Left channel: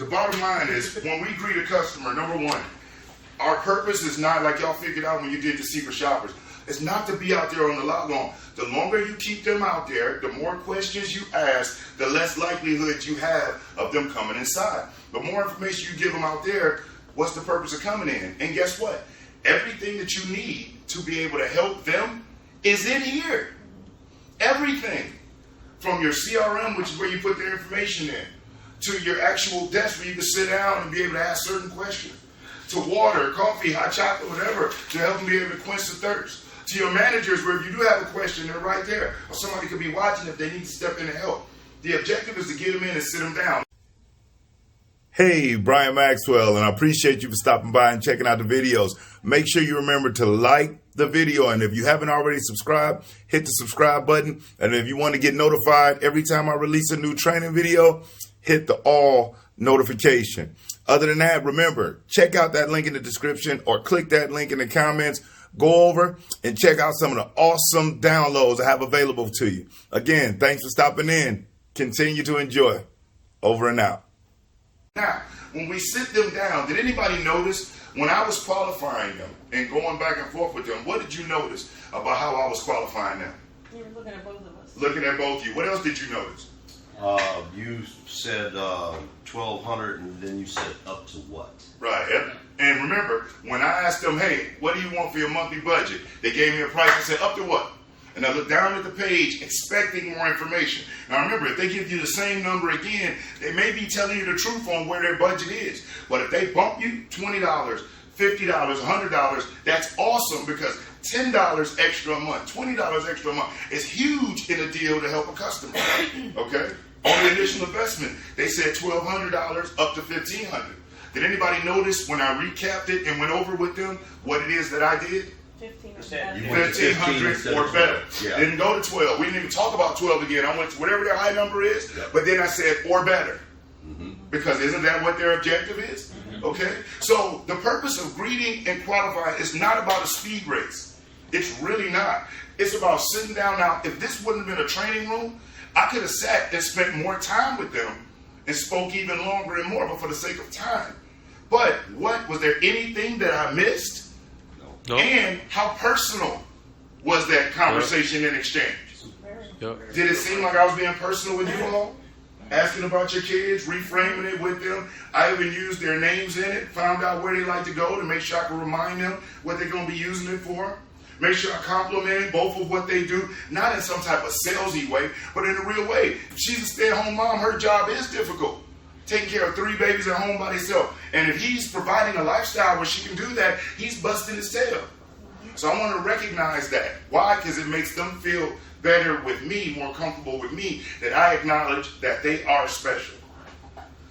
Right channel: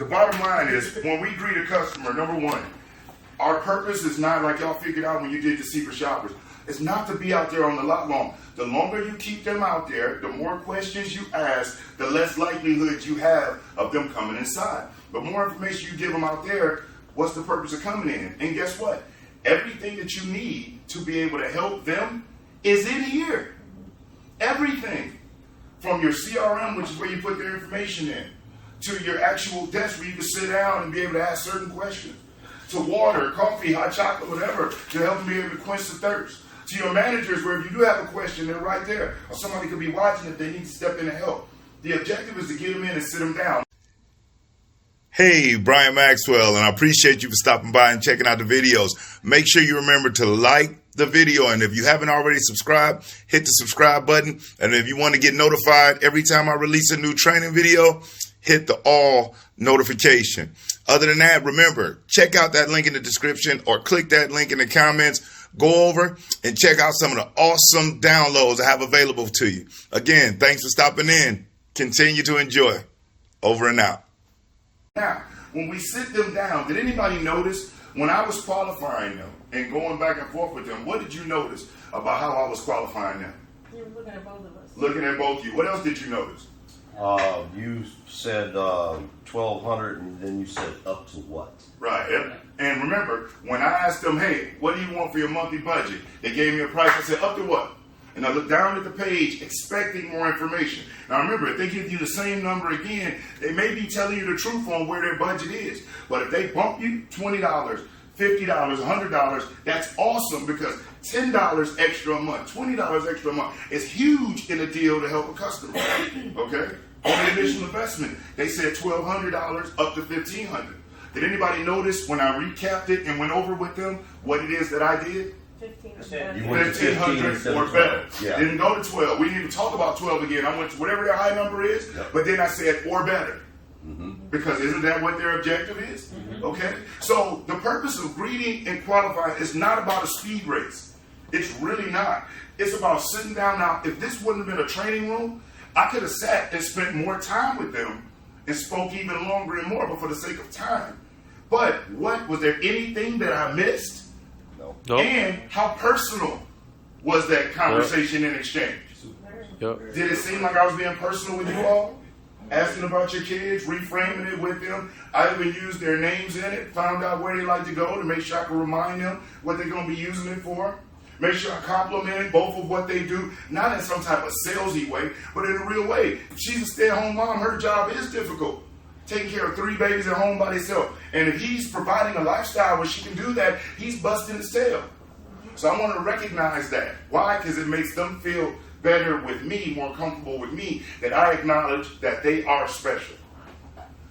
The bottom line is, when we greet a customer, number one, our purpose is not like y'all figured out when you did the secret shoppers. It's not to be out there on the lot long. The longer you keep them out there, the more questions you ask, the less likelihood you have of them coming inside. The more information you give them out there, what's the purpose of coming in? And guess what? Everything that you need to be able to help them is in here. Everything. From your CRM, which is where you put their information in, to your actual desk where you can sit down and be able to ask certain questions, to water, coffee, hot chocolate, whatever, to help them be able to quench the thirst, to your managers where if you do have a question, they're right there, or somebody could be watching if they need to step in and help. The objective is to get them in and sit them down. Hey, Brian Maxwell, and I appreciate you for stopping by and checking out the videos. Make sure you remember to like the video, and if you haven't already subscribed, hit the subscribe button. And if you want to get notified every time I release a new training video, hit the all notification. Other than that, remember, check out that link in the description or click that link in the comments. Go over and check out some of the awesome downloads I have available to you. Again, thanks for stopping in. Continue to enjoy. Over and out. Now, when we sit them down, did anybody notice when I was qualifying them and going back and forth with them, what did you notice about how I was qualifying them? You were looking at both of us. Looking at both of you. What else did you notice? You said 1,200, and then you said up to what? Right. And remember, when I asked them, hey, what do you want for your monthly budget? They gave me a price. I said, up to what? And I looked down at the page expecting more information. Now remember, if they give you the same number again, they may be telling you the truth on where their budget is. But if they bump you $20, $50, $100, that's awesome, because $10 extra a month, $20 extra a month is huge in a deal to help a customer. Okay? On the initial investment, they said $1,200 up to $1,500. Did anybody notice when I recapped it and went over with them what it is that I did? 1,500 or better. Yeah. Didn't go to 12. We didn't even talk about 12 again. I went to whatever their high number is, but then I said or better. Because isn't that what their objective is? Okay? So the purpose of greeting and qualifying is not about a speed race. It's really not. It's about sitting down. Now, if this wouldn't have been a training room, I could have sat and spent more time with them and spoke even longer and more, but for the sake of time. But what, was there anything that I missed? No. And how personal was that conversation and exchange? Yep. Did it seem like I was being personal with you all? Asking about your kids, reframing it with them. I even used their names in it, found out where they like to go to make sure I can remind them what they're going to be using it for. Make sure I complimented both of what they do, not in some type of salesy way, but in a real way. If she's a stay-at-home mom, her job is difficult. Taking care of 3 babies at home by himself. And if he's providing a lifestyle where she can do that, he's busting his tail. So I want to recognize that. Why? Because it makes them feel better with me, more comfortable with me, that I acknowledge that they are special.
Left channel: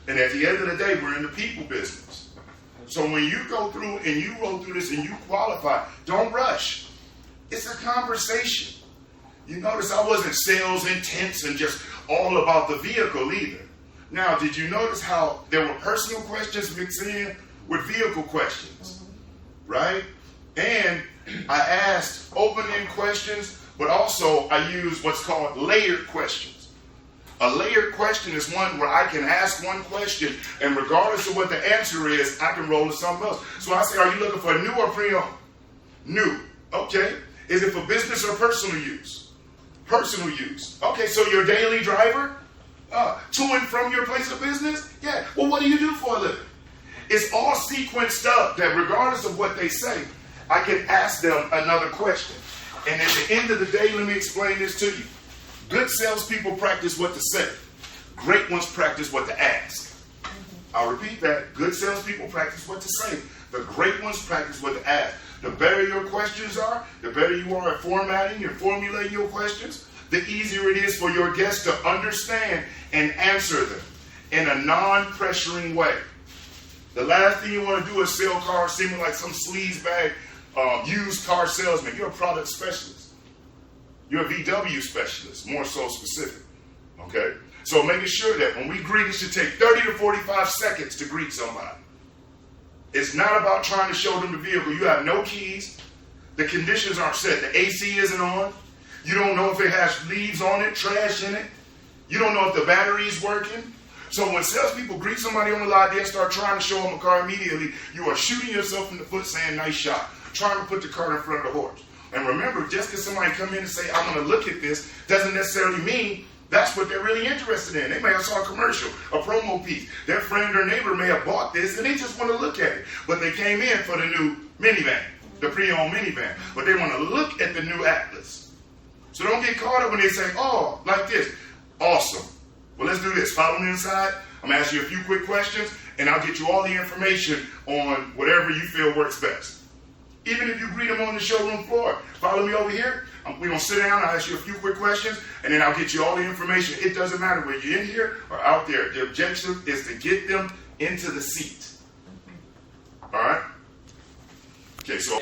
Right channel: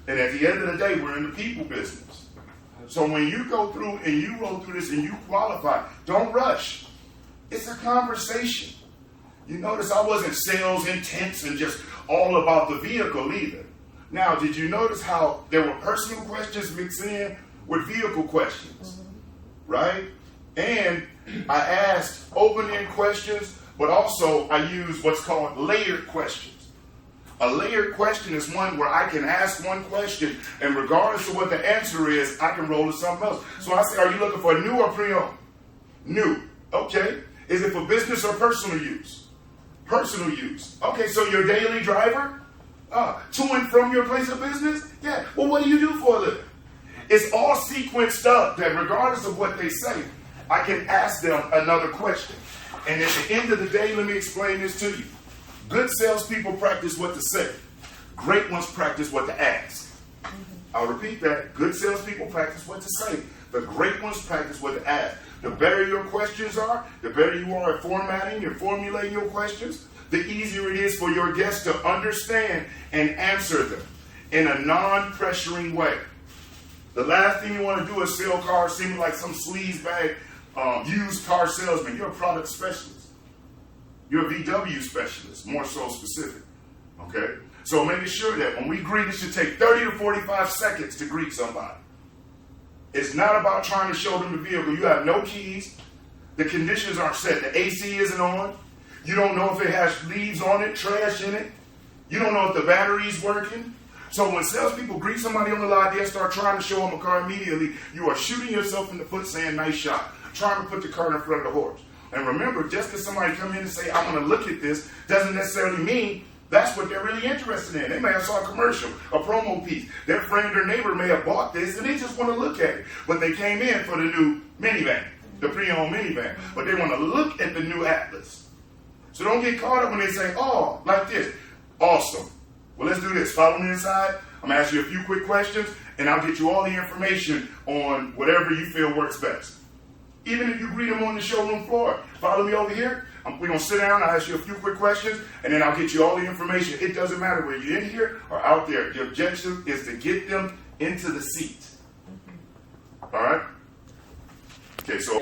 And at the end of the day, we're in the people business. So when you go through and you roll through this and you qualify, don't rush. It's a conversation. You notice I wasn't sales intense and just all about the vehicle either. Now, did you notice how there were personal questions mixed in with vehicle questions, right? And I asked open-end questions, but also I used what's called layered questions. A layered question is one where I can ask one question, and regardless of what the answer is, I can roll to something else. So I say, are you looking for new or pre-owned? New. Okay. Is it for business or personal use? Personal use. Okay, so your daily driver? To and from your place of business? Yeah. Well, what do you do for a living? It's all sequenced up that regardless of what they say, I can ask them another question. And at the end of the day, let me explain this to you. Good salespeople practice what to say. Great ones practice what to ask. I'll repeat that. Good salespeople practice what to say. The great ones practice what to ask. The better your questions are, the better you are at formatting and formulating your questions, the easier it is for your guests to understand and answer them in a non-pressuring way. The last thing you want to do is sell cars seeming like some sleazebag used car salesman. You're a product specialist. You're a VW specialist, more so specific. Okay? So making sure that when we greet, it should take 30 to 45 seconds to greet somebody. It's not about trying to show them the vehicle. You have no keys. The conditions aren't set. The AC isn't on. You don't know if it has leaves on it, trash in it. You don't know if the battery's working. So when salespeople greet somebody on the lot, they'll start trying to show them a car immediately. You are shooting yourself in the foot saying, nice shot, trying to put the cart in front of the horse. And remember, just because somebody come in and say, I want to look at this, doesn't necessarily mean that's what they're really interested in. They may have saw a commercial, a promo piece. Their friend or neighbor may have bought this and they just want to look at it. But they came in for the new minivan, the pre-owned minivan. But they want to look at the new Atlas. So don't get caught up when they say, oh, like this. Awesome. Well, let's do this. Follow me inside. I'm going to ask you a few quick questions and I'll get you all the information on whatever you feel works best. Even if you greet them on the showroom floor, follow me over here. We're going to sit down, I'll ask you a few quick questions, and then I'll get you all the information. It doesn't matter whether you're in here or out there. The objective is to get them into the seat. All right? Okay, so...